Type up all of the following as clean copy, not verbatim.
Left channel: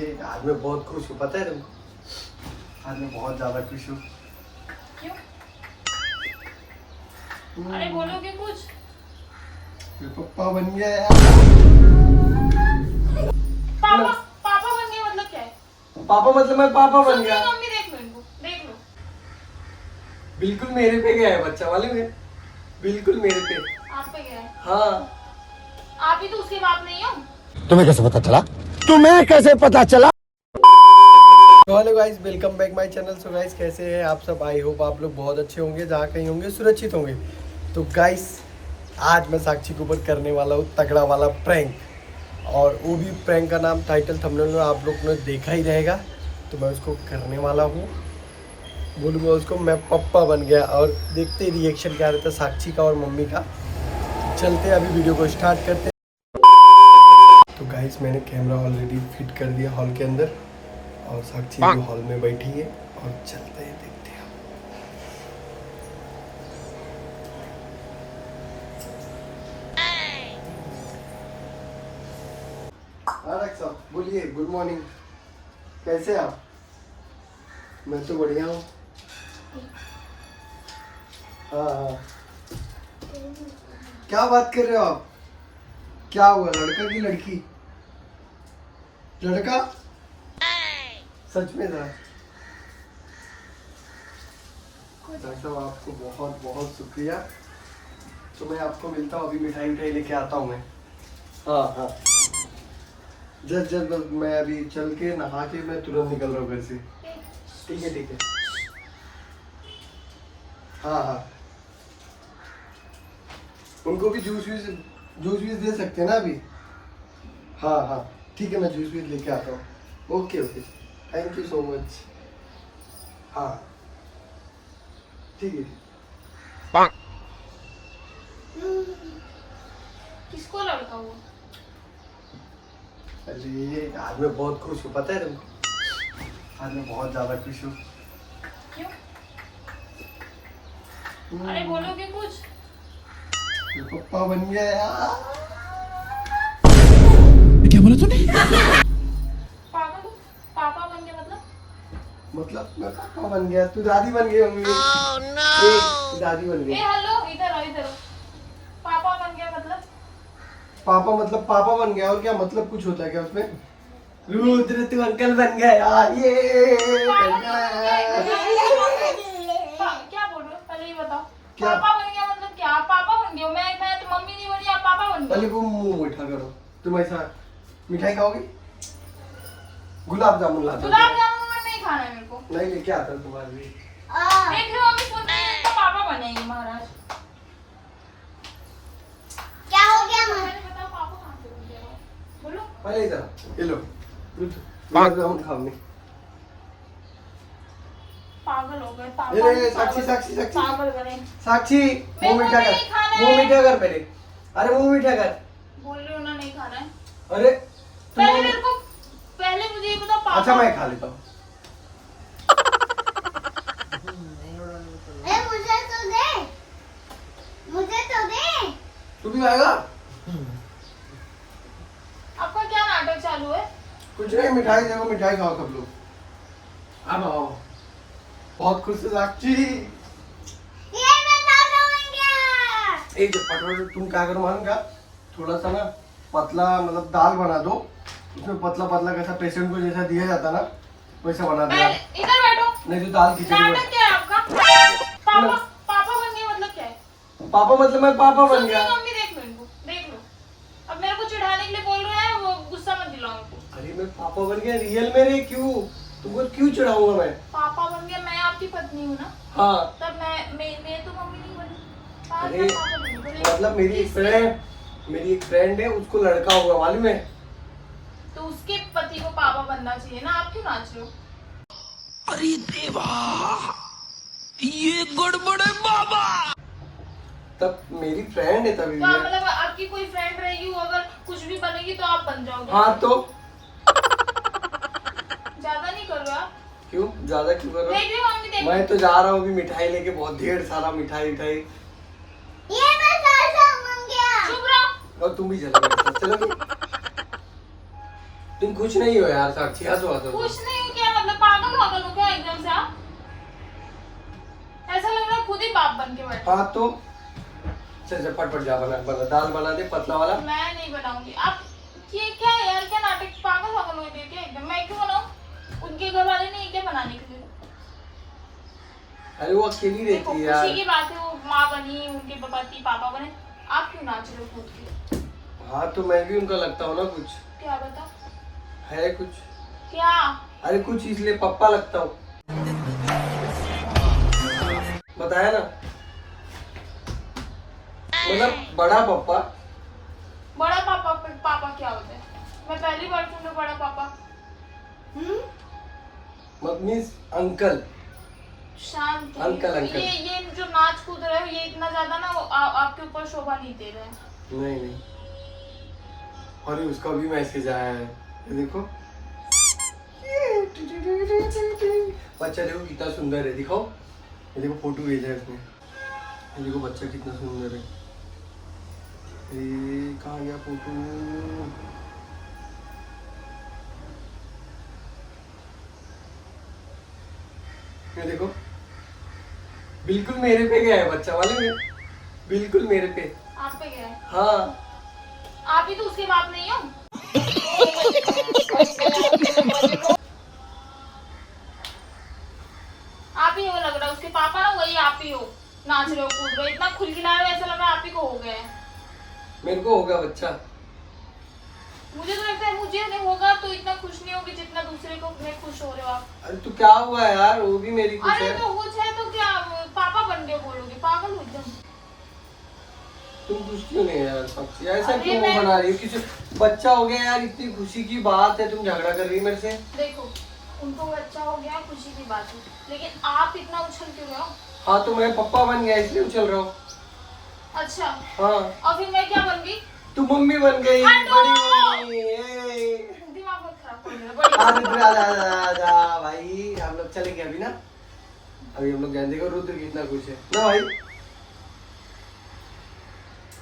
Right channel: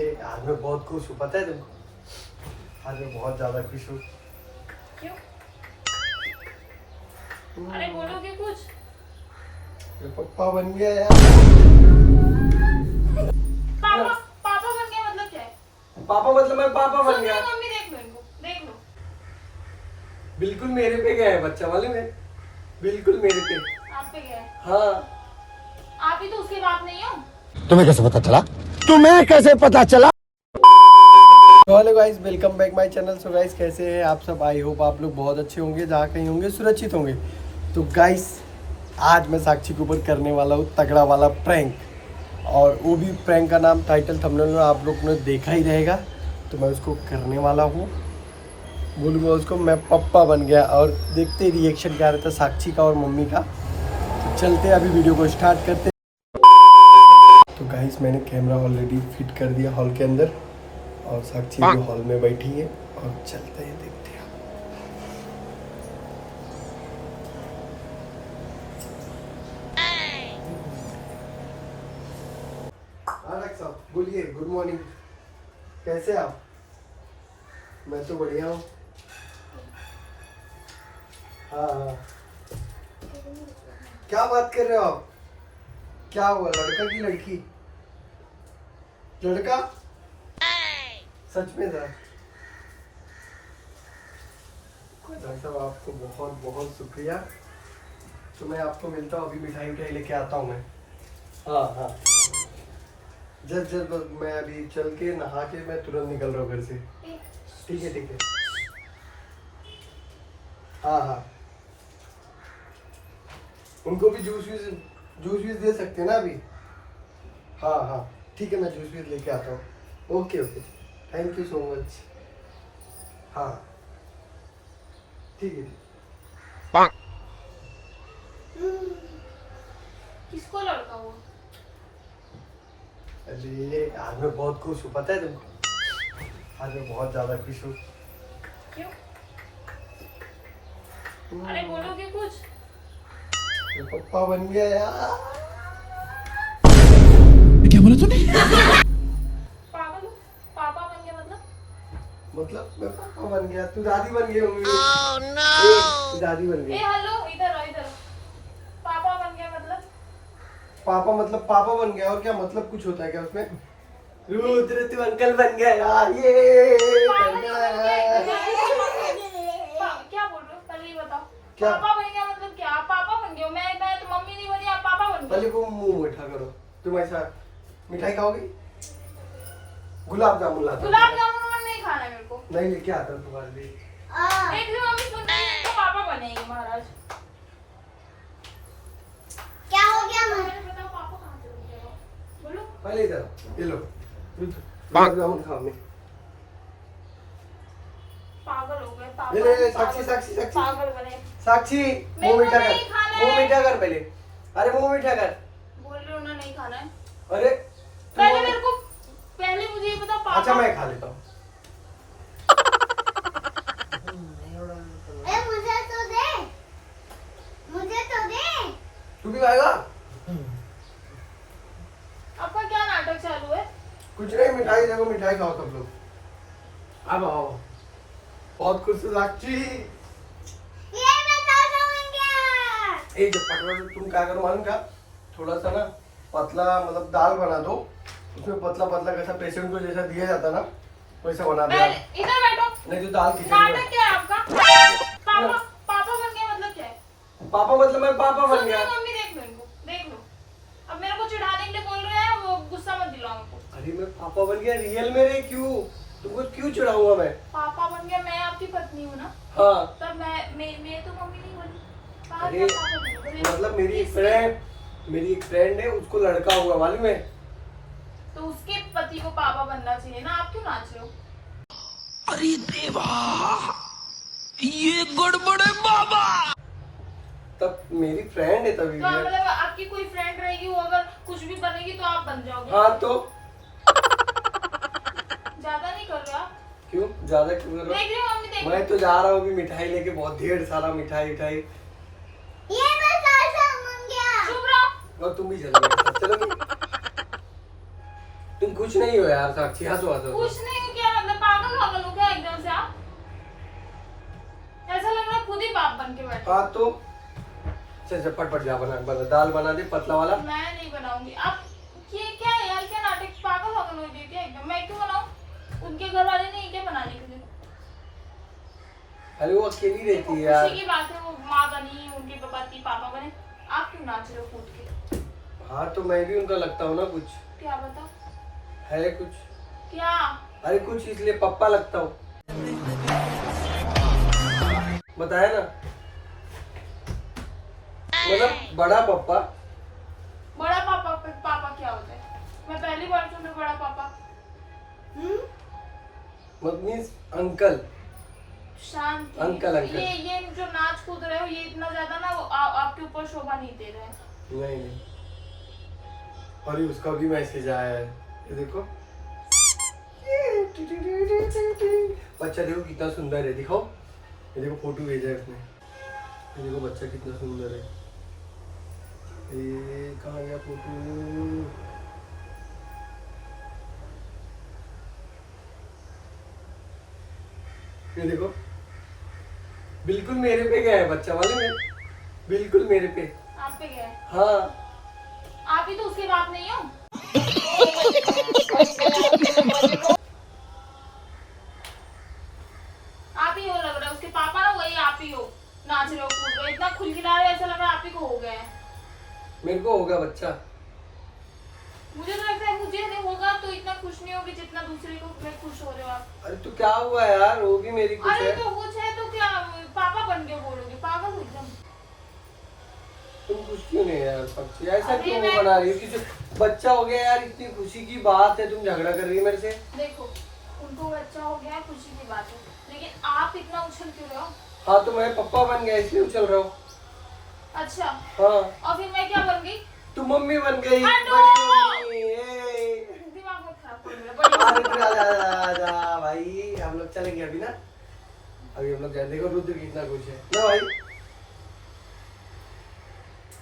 अरे आज मैं बहुत खुश हूँ, पता है तुमको? आज मैं बहुत ज्यादा खुश हूँ। क्यों? अरे बोलोगे कुछ? मैं पप्पा बन गया यार। पापा पापा बन गया मतलब क्या है? पापा मतलब मैं पापा बन सुन गया। लो मम्मी, देख लो इनको, देख लो। बिल्कुल मेरे पे गया है बच्चा, मालूम है? बिल्कुल मेरे पे। आप पे गया है? हाँ। आप ही तो उसके बाप नहीं हो। तुम्हें कैसे पता चला? तुम्हें कैसे पता चला? Hello guys, welcome back my channel. So guys, कैसे हैं आप सब? आई होप आप लोग बहुत अच्छे होंगे, जहाँ कहीं होंगे सुरक्षित होंगे। तो गाइस, आज मैं साक्षी के ऊपर करने वाला हूँ तगड़ा वाला प्रैंक, और वो भी प्रैंक का नाम टाइटल थंबनेल में आप लोग ने देखा ही रहेगा। तो मैं उसको करने वाला हूँ, बोलूँगा उसको मैं पप्पा बन गया, और देखते ही रिएक्शन क्या रहता है साक्षी का और मम्मी का। तो चलते हैं, अभी वीडियो को स्टार्ट करते हैं। तो गाइस, मैंने कैमरा ऑलरेडी फिट कर दिया हॉल के अंदर, और साक्षी भी हॉल में बैठी है, और चलते हैं, देखते हैं। साहब बोलिए, गुड मॉर्निंग, कैसे आप? मैं तो बढ़िया हूँ। हाँ, क्या बात कर रहे हो आप? क्या हुआ, लड़का की लड़की? लड़का? सच में था? डॉक्टर साहब, आपको बहुत बहुत शुक्रिया। तो मैं आपको मिलता हूँ, अभी मिठाई उठाई लेके आता हूँ मैं। हाँ हाँ, जस्ट मैं अभी चल के नहा के मैं तुरंत निकल रहा हूँ घर से। ठीक है ठीक है। हाँ हाँ, उनको भी जूस वीस दे सकते हैं ना अभी? हाँ हाँ ठीक है, मैं जूस वीस लेके आता हूँ। Okay okay, thank you so much. हाँ ठीक है। किसको लड़का हुआ? अरे आज मैं बहुत खुश हूँ, पता है तुमको? आज मैं बहुत ज्यादा खुश हूँ। क्यों? अरे बोलोगे कुछ? मैं पप्पा बन गया यार। क्या बोला तूने? पागल हो? पापा बन गया मतलब? मतलब मैं पापा बन गया, तू दादी बन गई होंगी। तू दादी बन ए गई। हेलो, इधर आओ इधर आओ। पापा बन गया मतलब? पापा मतलब पापा बन गया, और क्या मतलब कुछ होता है क्या उसमें? रुद्र, तू अंकल बन गया यार, ये बन गया यार। क्या बोल रहे हो? पहले ही बताओ। क्या? पापा बन गया मतलब क्या? आप पापा बन गए हो? मैं तो मम्मी नहीं बनी, आप पापा बन पहले गए। वो मुंह मीठा करो। तुम ऐसा मिठाई खाओगी? गुलाब जामुन ला दो। गुलाब जामुन में नहीं खाना मेरे को। नहीं, लेके आता हूँ तुम्हारे लिए। देख लो मम्मी, सुन रही है तो पापा बनेंगे महाराज। क्या हो गया मैं? पहले बताओ पापा कहाँ से बन गए? बोलो। पहले इधर ये लो, गुलाब जामुन खाओ। नहीं, पागल हो गए ये पापा। ले, साक्षी साक्षी साक्षी पागल बने। साक्षी, मेरे मुंह को मीठा कर, नहीं खाना मुंह है। मीठा कर पहले। अरे मुंह मीठा कर। बोल रही हूँ ना, नहीं खाना है। अरे पहले मेरे को, पहले मुझे ये बताओ पापा। अच्छा, मैं खा लेता हूँ। अरे मुझे तो दे, मुझे तो दे। तू भी खाएगा? आपका क्या नाटक चालू है? कुछ नहीं, मिठाई देखो, मिठाई खाओ सब लोग। अब आओ, बहुत खुश है साक्षी। ये मैं ताजा बन गया। एक पटवा, तुम क्या करो मालूम क्या? थोड़ा सा ना पतला, मतलब दाल बना दो, उसमें पतला पतला कैसा पेशेंट को जैसा दिया जाता ना, वैसा बना दो यार। इधर बैठो। नहीं तो दाल खिचड़ी नाटक बन- क्या है आपका? पापा पापा बन गए मतलब क्या है? पापा मतलब मैं पापा बन सुन गया। लो मम्मी, देख लो इनको, देख लो। अब मेरे को चिढ़ाने के लिए बोल रहे हैं, वो गुस्सा मत दिलाओ इनको। अरे मैं पापा बन गया रियल में रे, क्यों तुमको क्यों चिढ़ाऊंगा मैं? पापा बन गया, मैं आपकी पत्नी हूँ ना, हाँ, तब मैं तो मम्मी नहीं बनी। अरे पापा बन गए। मतलब मेरी एक फ्रेंड है, उसको लड़का हुआ, मालूम है? तो उसके पति को पापा बनना चाहिए ना, आप क्यों नाच रहे हो? अरे देवा, ये गड़बड़ है बाबा। तब मेरी फ्रेंड है तभी तो भी। मतलब आपकी कोई फ्रेंड रहेगी, वो अगर कुछ भी बनेगी तो आप बन जाओगे। हाँ तो ज्यादा नहीं कर रहे हो आप? क्यों ज्यादा क्यों कर रहा देख रही हो मम्मी, देख हूँ? मैं तो जा रहा हूँ अभी मिठाई लेके, बहुत ढेर सारा मिठाई उठाई। ये मैं ताजा बन गया। चुप रहो। और तुम भी चलो मेरे साथ, चलोगी? तुम खुश नहीं हो यार साक्षी, हंसो हंसो। खुश नहीं हूँ क्या मतलब? पागल पागल हो क्या एकदम से आप? ऐसा लग रहा है खुद ही पाप बन के बैठे। हाँ तो चल चल फटफट जा, बना दाल बना दे पतला वाला। मैं नहीं बनाऊंगी। आप ये क्या है यार, क्या नाटक? पागल पागल हो गई क्या एकदम? मैं क्यों बनाऊं? उनके घर वाले नहीं क्या बनाने के लिए? अरे वो अकेली देखो रहती है यार। खुशी की बात है, वो माँ बनी, उनके पति पापा बने, आप क्यों नाच रहे हो कूद के? हाँ तो मैं भी उनका लगता हूँ ना कुछ, क्या बता? है कुछ। क्या? अरे कुछ इसलिए पप्पा लगता हूँ, बताया ना, मतलब बड़ा पप्पा। बड़ा पापा? पापा क्या होता है? मैं पहली बार सुन रही हूँ बड़ा पापा। Means uncle. शांत। Uncle, uncle. ये जो नाच कूद रहे हो ये इतना ज्यादा ना आपके ऊपर शोभा नहीं दे रहा है। नहीं नहीं, और उसका भी मैसेज आया है, ये देखो। बच्चा देखो कितना सुंदर है, दिखाओ। ये देखो फोटो भेजा है उसने, ये देखो बच्चा कितना सुंदर है। ये कहाँ गया फोटो? ये देखो, बिल्कुल मेरे पे गया है बच्चा वाले में, बिल्कुल मेरे पे। आप पे गया है? हाँ आप ही तो उसके बाप नहीं हो। आप ही हो लग रहा है, उसके पापा ना वही आप ही हो। नाच रहे हो कूद रहे हो, इतना खुलखिला रहे हो, ऐसा लग रहा है आप ही को हो गया है। मेरे को होगा बच्चा। मुझे तो लगता है मुझे नहीं होगा तो इतना खुश नहीं होगी जितना दूसरे को में खुश हो रहे हो आप। अरे तो क्या हुआ यार, वो भी मेरी कुछ अरे है। तो कुछ है तो क्या पापा बन के बोलोगे? पागल हो एकदम। तुम खुश क्यों नहीं है यार सबसे, ऐसा अरे क्यों मैं- बना रही हो? किसी बच्चा हो गया यार, इतनी खुशी की बात है, तुम झगड़ा कर रही है मेरे से। देखो उनको बच्चा हो गया, खुशी की बात है, लेकिन आप इतना उछल क्यों रहे हो? हाँ तो मैं पप्पा बन गया इसलिए उछल रहा हूँ। अच्छा, हाँ और फिर मैं क्या बन गई? तू मम्मी बन गई, हटो! बड़ी मम्मी। ए। दिमाग मत खराब करो मेरा, बड़ी अरे मम्मी। जा भाई, हम लोग चलेंगे अभी ना, अभी हम लोग जाएंगे। देखो रुद्र कितना खुश है ना भाई,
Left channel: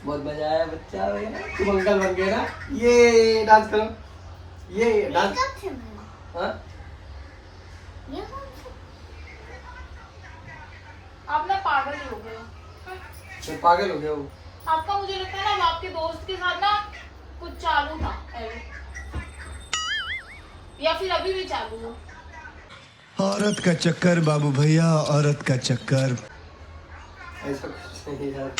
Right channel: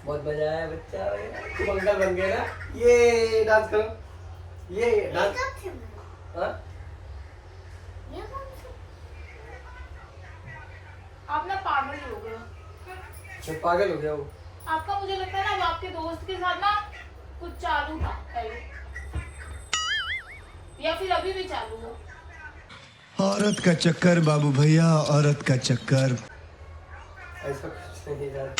बहुत मजा आया बच्चा हो गया, तुम अंकल बन गए ना। ये डांस करो, ये डांस। कब से बना? हाँ ये कौन सा? आप ना पागल ही हो गए हो। मैं पागल हो गया हूँ। आपका मुझे लगता है ना वो आपके दोस्त के साथ ना कुछ चालू था पहले, या फिर अभी भी चालू हो। औरत का चक्कर बाबू भैया, औरत का चक्कर। ऐसा कुछ नहीं यार।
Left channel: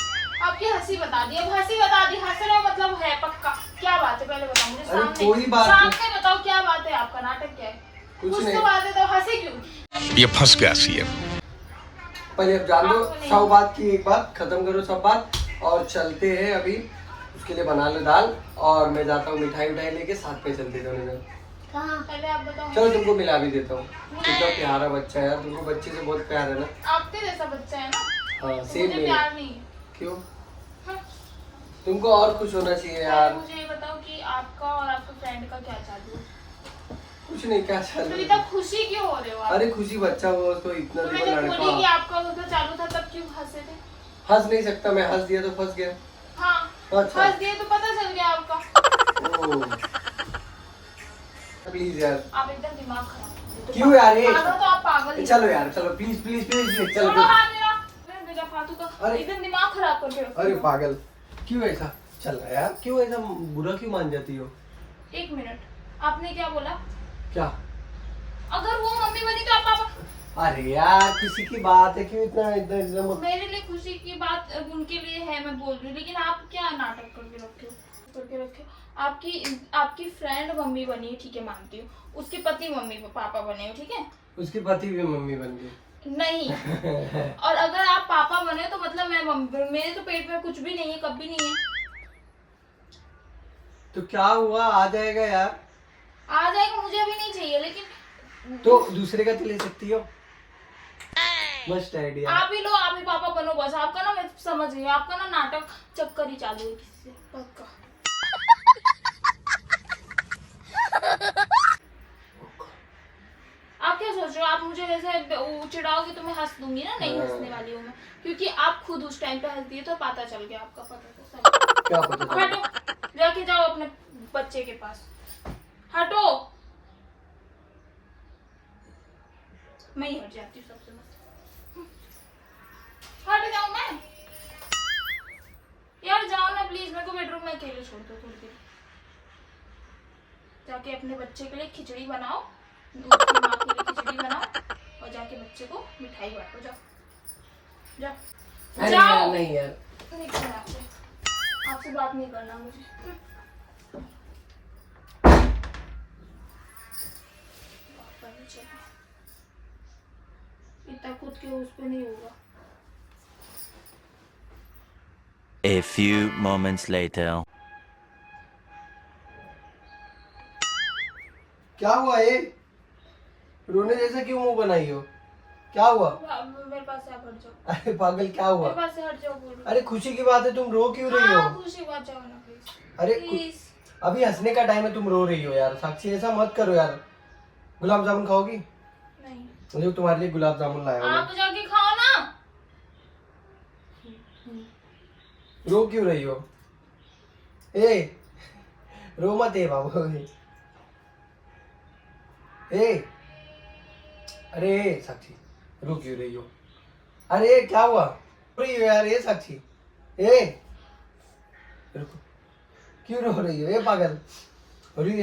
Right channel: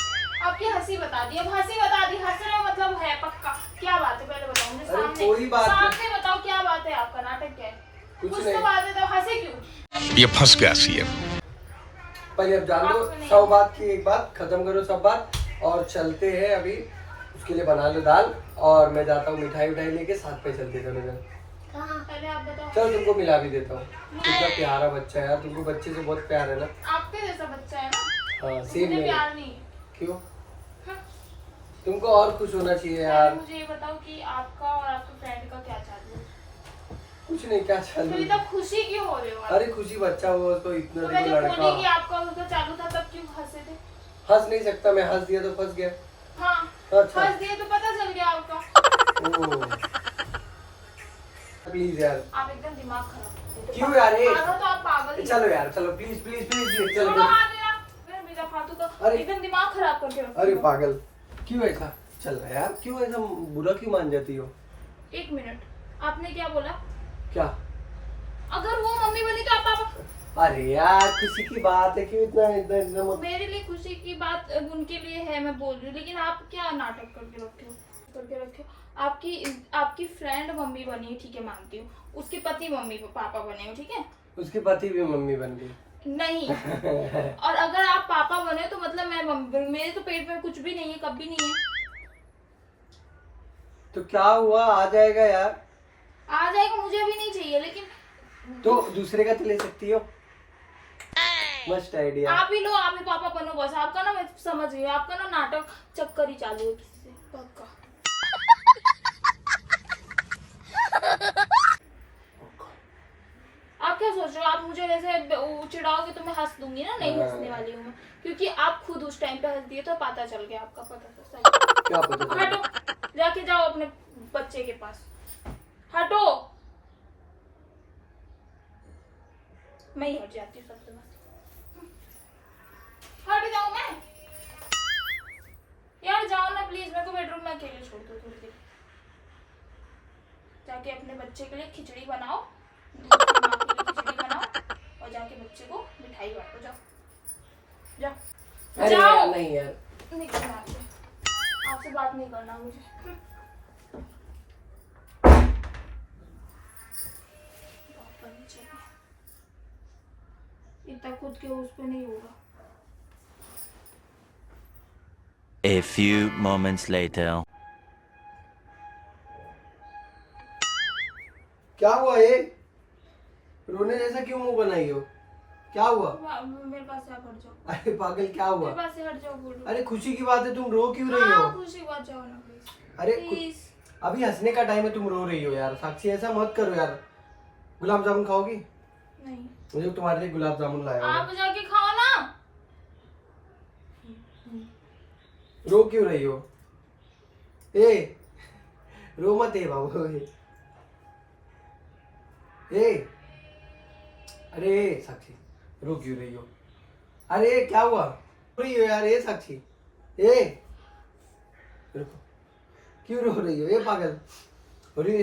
आपकी हंसी बता दी, अब हंसी बता दी, हंस रहे हो मतलब है पक्का? क्या बात है पहले बताओ मुझे, अरे कोई बात नहीं। सामने बताओ क्या बात है, आपका नाटक क्या है? कुछ तो नहीं। बात है तो हंसे क्यों? ये फंस गया सीएम। पहले अब जान लो, आपको नहीं। सब बात की एक बात खत्म करो, सब बात, और चलते हैं अभी। उसके लिए बना लो दाल, और मैं जाता हूँ मिठाई उठाई लेके, साथ में चलते थोड़ी देर। कहाँ? पहले आप बताओ। चलो तुमको मिला भी देता हूँ। कितना प्यारा बच्चा है यार, तुमको बच्चे से बहुत प्यार है ना। आपके जैसा बच्चा है ना, हाँ तो सेम मुझे मेरे। प्यार नहीं है। क्यों? हाँ। तुमको और खुश होना चाहिए पहले यार। मुझे ये बताओ कि आपका और आपके फ्रेंड का क्या चालू है? कुछ नहीं, क्या तो चल इतना खुशी क्यों हो रहे हो आप? अरे खुशी बच्चा हुआ उसको, इतना तो मैं देखो जब बोली कि लड़का। आपका उसका चालू था तब क्यों हंसे थे? हंस नहीं सकता मैं, हंस दिया तो फंस गया। हाँ, अच्छा। हंस दिए तो पता चल गया आपका। प्लीज यार। आप एकदम दिमाग खराब। क्यों यार ये? मानो तो आप पागल ही हो। चलो यार, चलो प्लीज प्लीज प्लीज चलो छोड़ो चलो। हाथ मेरा। मेरा फालतू का अरे। एकदम दिमाग खराब करके रखते अरे हो। पागल, क्यों ऐसा चल रहा है यार? क्यों ऐसा बुरा क्यों मान जाती हो? एक मिनट, आपने क्या बोला? क्या? अगर वो मम्मी बनी तो आप पापा? अरे यार खुशी की बात है, क्यों इतना इतना इतना मत। मेरे लिए खुशी की बात उनके लिए है, मैं बोल रही हूँ, लेकिन आप क्या नाटक करके रखे हो? आपकी फ्रेंड मम्मी बनी है, ठीक है मानती हूँ, उसके पति मम्मी पापा बने हो, ठीक है? उसके पति भी मम्मी बन गई। नहीं। और अगर आप पापा बने तो मतलब मैं मम्मी, मेरे तो पेट में कुछ भी नहीं है, कभी नहीं है। तो क्या हुआ, आ जाएगा यार। आ जाएगा, मुझे भी नहीं चाहिए, लेकिन तो दूसरे का तो ले सकती हो। मस्त आइडिया। आप ही लो, आप ही पापा बनो बस। आपका ना मैं समझ गई, आपका ना नाटक चक्कर ही चालू है किसी से पक्का। आप क्या सोच रहे हो? आप मुझे वैसे चिढ़ाओगे तो मैं हंस दूंगी ना? नहीं हंसने वाली हूँ मैं, क्योंकि आप खुद उस टाइम पे हंस दिए तो पता चल गया आपका। पता क्या पता चला? हटो, जाके जाओ अपने बच्चे के पास, हटो। मैं ही हट जाती हूँ सबसे। हट जाऊँ मैं? यार जाओ ना प्लीज, मेरे को बेडरूम में अकेले छोड़ दो थोड़ी देर। जाके अपने बच्चे के लिए खिचड़ी बनाओ, दूध की माँ के लिए खिचड़ी बनाओ और जाके बच्चे को मिठाई बांटो। जाओ जाओ अरे जाओ। यार, नहीं यार, निकलो यहाँ से, आपसे बात नहीं करना मुझे। पापा भी चले, इतना खुद के उस पे नहीं होगा। A few moments later. क्या हुआ ये? रोने जैसा क्यों मुंह बनाई हो? क्या हुआ? मेरे पास से आप हट जाओ। अरे पागल, क्या हुआ? मेरे पास से हट जाओ बोलो। अरे खुशी की बात है, तुम रो क्यों रही हो? हाँ, खुशी बात जाओ ना प्लीज। अरे प्लीज। अभी हंसने का टाइम है, तुम रो रही हो यार। साक्षी ऐसा मत करो यार। गुलाब जामुन खाओगी? नहीं, मुझे तुम्हारे लिए गुलाब जामुन लाया हूँ। आप जाके खाओ ना। रो क्यों रही हो? ए, रो मत ए बाबू। ए, अरे साक्षी, रो क्यों रही हो? अरे क्या हुआ? रो रही हो यार? ए साक्षी, ए रुको, क्यों रो रही हो? ए पागल, अरे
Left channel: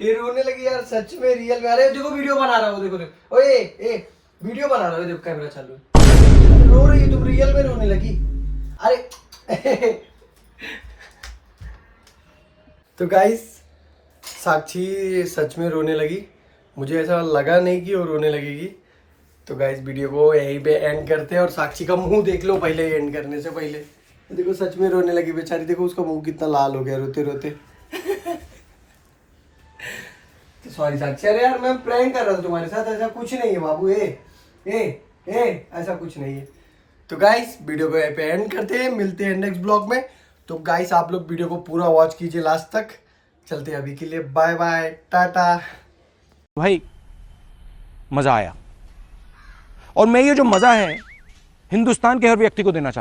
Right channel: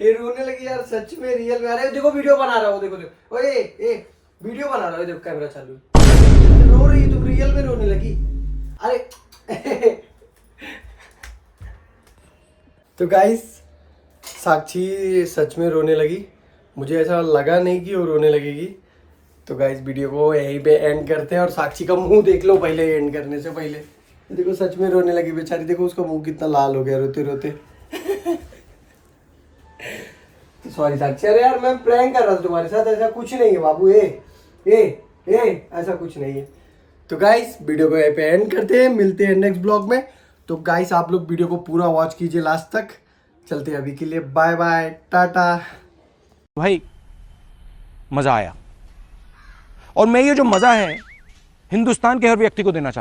ये रोने लगी यार सच में, रियल में। अरे देखो वीडियो बना रहा हूँ, देखो देखो। ओए ए, वीडियो बना रहा हूँ, देखो कैमरा चालू है। रो रही हो तुम, रियल में रोने लगी। अरे तो गाइस, साक्षी सच में रोने लगी। मुझे ऐसा लगा नहीं कि वो रोने लगेगी। तो गाइस वीडियो को यहीं पे एंड करते हैं और साक्षी का मुंह देख लो पहले, एंड करने से पहले। देखो सच में रोने लगी बेचारी, देखो उसका मुंह कितना लाल हो गया रोते रोते। तो सॉरी साक्षी, अरे यार मैं प्रैंक कर रहा था तुम्हारे साथ, ऐसा कुछ नहीं है बाबू। ऐसा कुछ नहीं है। तो गाइस वीडियो को यहीं पे एंड करते हैं, मिलते हैं नेक्स्ट ब्लॉग में। तो गाइस आप लोग वीडियो को पूरा वॉच कीजिए लास्ट तक। चलते हैं अभी के लिए, बाय बाय, टाटा। भाई मजा आया, और मैं ये जो मजा है हिंदुस्तान के हर व्यक्ति को देना चाहता हूं।